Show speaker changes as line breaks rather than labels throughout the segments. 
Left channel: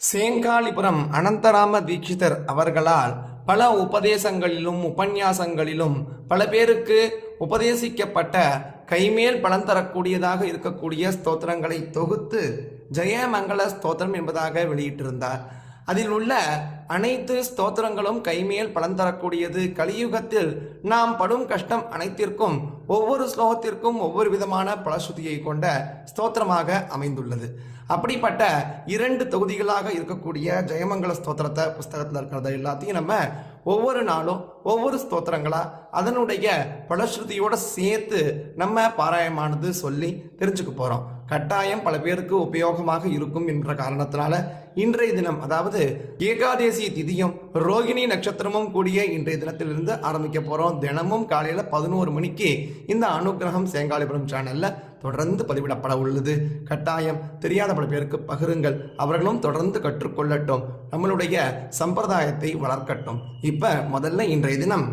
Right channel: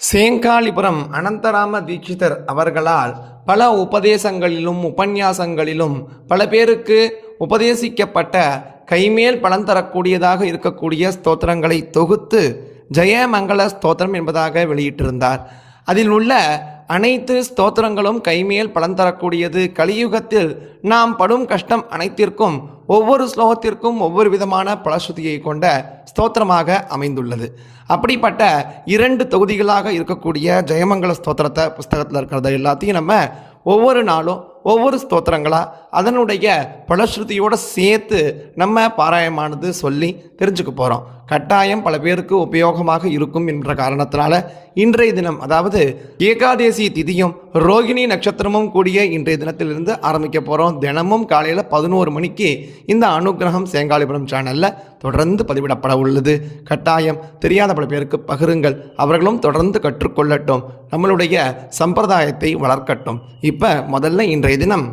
சேங்காலிபுரம் அனந்தராம தீட்சிதர் அவர்களால் பல உபதேசங்களிலும் உபன்யாசங்களிலும் பல பேருக்கு உபதேசிக்கப்பட்ட கைமேல் பலன் தரக்கூடியதாக இருக்கக்கூடிய ஸ்தோத்திரங்களை தொகுத்து ஜெயமங்கள ஸ்தோத்திரம் என்பதாக வெளியிட்டிருந்தார். அதில் உள்ள அனைத்து ஸ்தோத்திரங்களும் கைமேல் பலன் தரக்கூடியது. கலியுகத்தில் நாம் படும் கஷ்டம் அனைத்திற்கும் ஒவ்வொரு ஸ்லோகத்திற்கும் ஒவ்வொரு விதமான பலஸ்ருதியை கொண்ட ஸ்தோத்திரமாக அமைந்துள்ளது. அப்படிப்பட்ட இரண்டு தொகுதிகளாக இருக்கக்கூடிய ஜெயமங்கல ஸ்தோத்திரத்தை புஸ்தகத்தில் இருக்கிறத எல்லாத்தையும் நம்ம ஒவ்வொரு நாளும் ஒவ்வொரு ஸ்தோத்திரங்களா அதனுடைய பலஸ்ருதியோடு சேர்த்து நம்ம பாராயமானது சொல்லி தெரிஞ்சுக்க போகிறோம் கட்டாயம் பல பேருக்கு உபயோகமாக இருக்கும் என்ற காரணத்தினால இன்றைய தினம் அதாவது ஏகாதேசி திதியும் ரோகிணி நட்சத்திரமும் கூடிய இன்றைய தினத்திலிருந்து ஆரம்பிக்க போகிறோம் தினமும் காலையில் பதினோரு மணிக்கு இந்த அனுகிரகம் சேங்காலிபுரம் சேனலில் தொடர்ந்து பதிவிடப்பட உள்ளது. கட்டாயம் தெரியாத பல பேருக்கு பகிருங்கள். அவர்களும் தொடர்ந்து கற்றுக்கொள்ளட்டும். நம்மளுடைய சம்பிரதாயத்தை வளர்க்கட்டும். இப்போ முதல்ல இன்றைய தினம்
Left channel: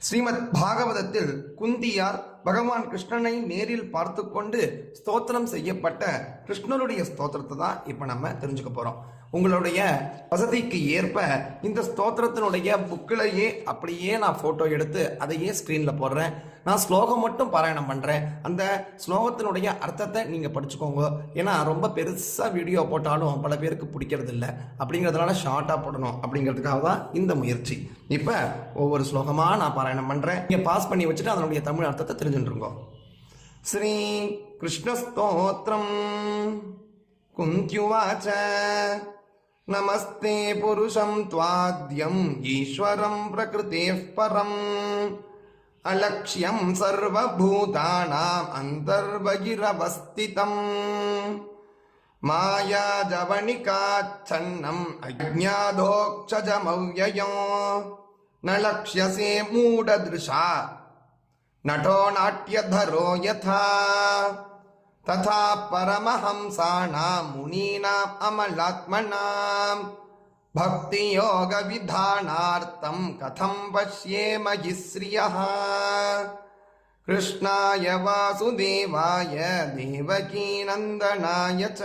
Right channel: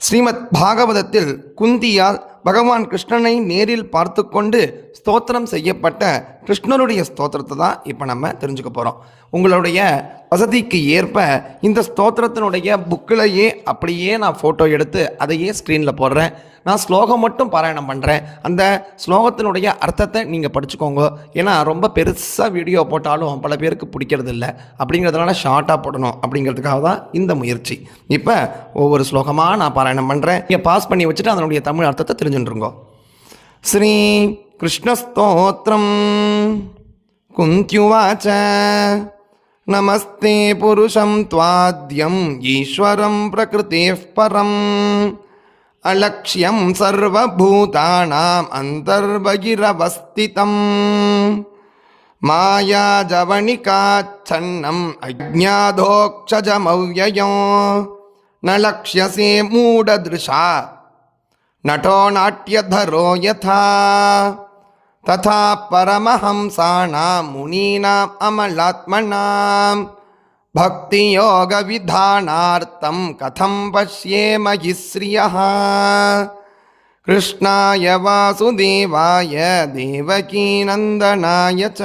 ஸ்ரீமத் பாகவதத்தில் குந்தியால் பகவான் கிருஷ்ணனை நேரில் பார்த்து கொண்டு ஸ்தோத்திரம் செய்யப்பட்ட கிருஷ்ணனுடைய ஸ்தோத்திரத்தை தான் இப்போ நம்ம தெரிஞ்சுக்க போகிறோம் உங்களுடைய வசதிக்கு ஏற்ப இந்த ஸ்தோத்திரத்தினுடைய புக்கிலேயே அப்படியே நான் ஃபோட்டோ எடுத்து அதையே ஸ்க்ரீனில் போடுறேன். நான் ஸ்லோகம் மட்டும் பாராயணம் பண்ணுறேன் அந்த ஸ்லோகத்தினுடைய அர்த்தத்தை நீங்கள் படிச்சுக்கோங்க ஏன்னா ரொம்ப பெருசாக வீடியோ போட்டாலும் பல பேருக்கு பிடிக்கிறது இல்லை அப்படிங்கிறதுனால ஷார்ட்டாக போடணும் அப்படிங்கிறதுக்காக தான் இந்த முயற்சி இப்போ ஒவ்வொரு ஸ்லோகமாக நான் பாராயணம் பண்ணுறேன் நீங்கள் பாஸ் பண்ணி வச்சுட்டு அதனுடைய தமிழ் அர்த்தத்தை தெரிஞ்சுட்டுருங்கோ ஸ்ரீ கிருஷ்ணஸ்தோத்திரம் குந்தியுவாச்ச நமஸ்தே புருஷம் त्वाद्यम् ஈஸ்வரம் பிரகிருதேः பரம் अलक्ष्यं सर्वभूतानाम् अन्तर्बहिरवस्थितम् मायाजवनिकाच्छन्नम् अज्ञाधोक्षजमव्ययो न लक्ष्यसे मूढदृशा नटो नाट्यधरो यथा तथा परमहंसाणां मुनीनाम् अमलात्मनां भक्तियोगविधानार्थं कथं पश्येम हि श्रियः कृष्णाय वासुदेवाय देवकीनन्दनाय च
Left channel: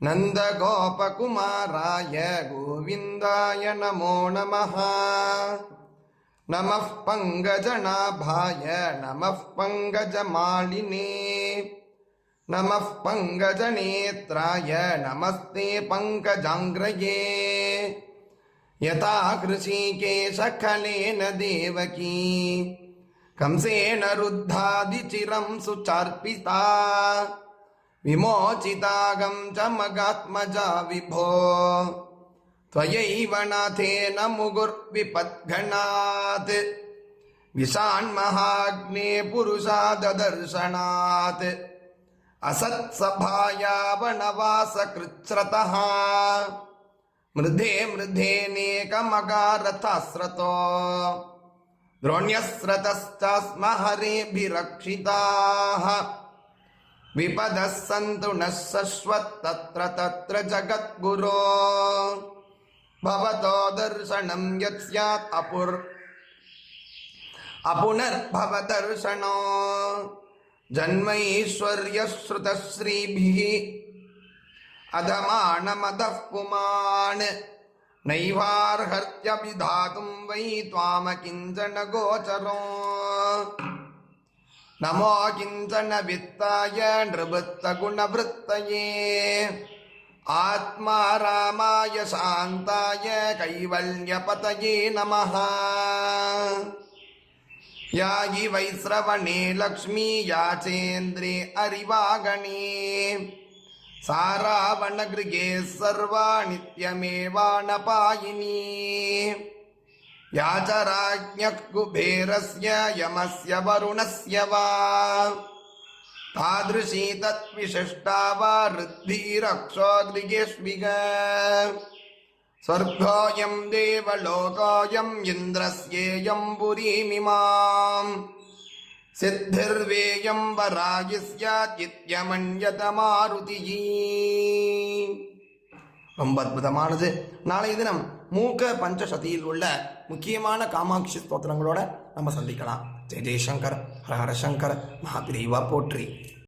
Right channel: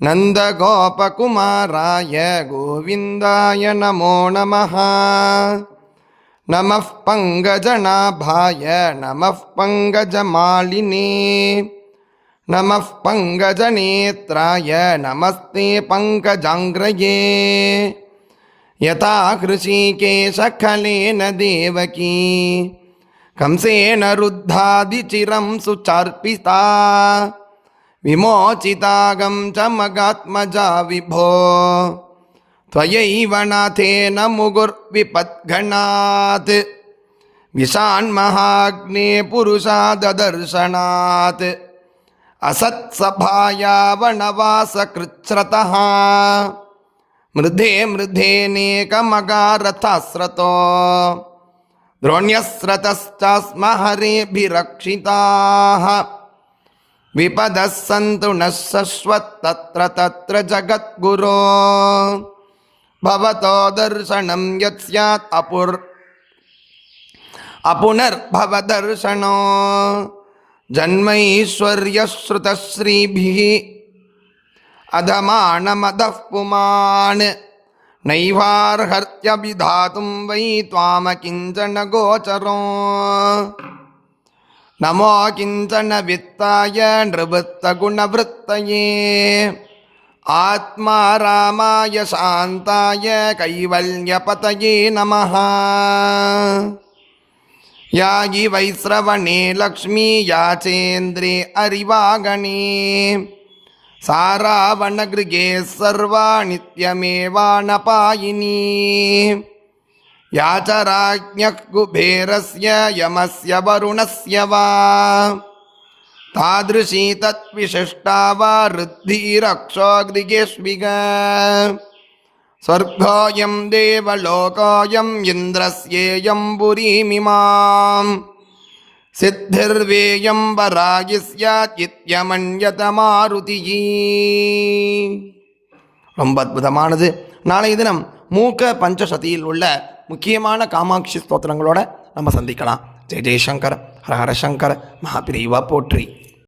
नन्दगोपकुमाराय गोविन्दाय नमो नमः नमः पङ्कजनाभाय नमः पङ्कजमालिने नमः पङ्कजनेत्राय नमस्ते पङ्कजाङ्ग्रये यथा कृषिकेशखलेन देवकी, कंसेन रुद्धादिचिरं सुचार्पिता, विमोचितागं च मगात्मजा विभो। त्वयैव नाथेन मुगुर्विपद्घणात् विषान्महाग्ने पुरुषाददर्शनात् असत्सभायावनवासकृच्छ्रतः मृधे मृधेनेकमगारथस्रतो हरेभिरक्षिताः विपदः सन्तु नः शश्वत्तत्र तत्र जगद्गुरो। भवतो दर्शनं यत् स्यात् अपुर् अपुनर्भवदर्शनो जन्मैश्वर्यश्रुतश्रीभिः अधमानमदः पुमान् नैवार्हत्यभिधातुं वै त्वामकिञ्चन गोचरो नमो किञ्चन वित्ताय नृवृत्तगुणवृत्तये आत्मा रामाय शान्ताय कैवल्यपतये नमः यायि वैश्रवणे लक्ष्मी याचेन्द्रे अरिवागणे सारावणगृहे सर्वा नित्यमेवानपायिनी या च राज्ञः कुबेरस्य यमस्य वरुणस्य वा तादृशी तत्विशिष्टा वा ऋद्धिरक्षोगृगेष्विग स्वर्गोऽयं देवलोकोऽयम् इन्द्रस्येयं पुरीमिमाम् सिद्धिर्वेयं वरागि स्यात् इत्यमन्यत मारुतिः ரொம்ப அற்புதமானது நாளைய தினம் மூக்க பஞ்சசதியில் உள்ள முக்கியமான காமாட்சி ஸ்தோத்திரங்களோட நம்ம சந்திக்கலாம் ஜெய் ஜெய்சங்கர் ஹர ஹர சங்கர் மகாபிரிவா போற்றி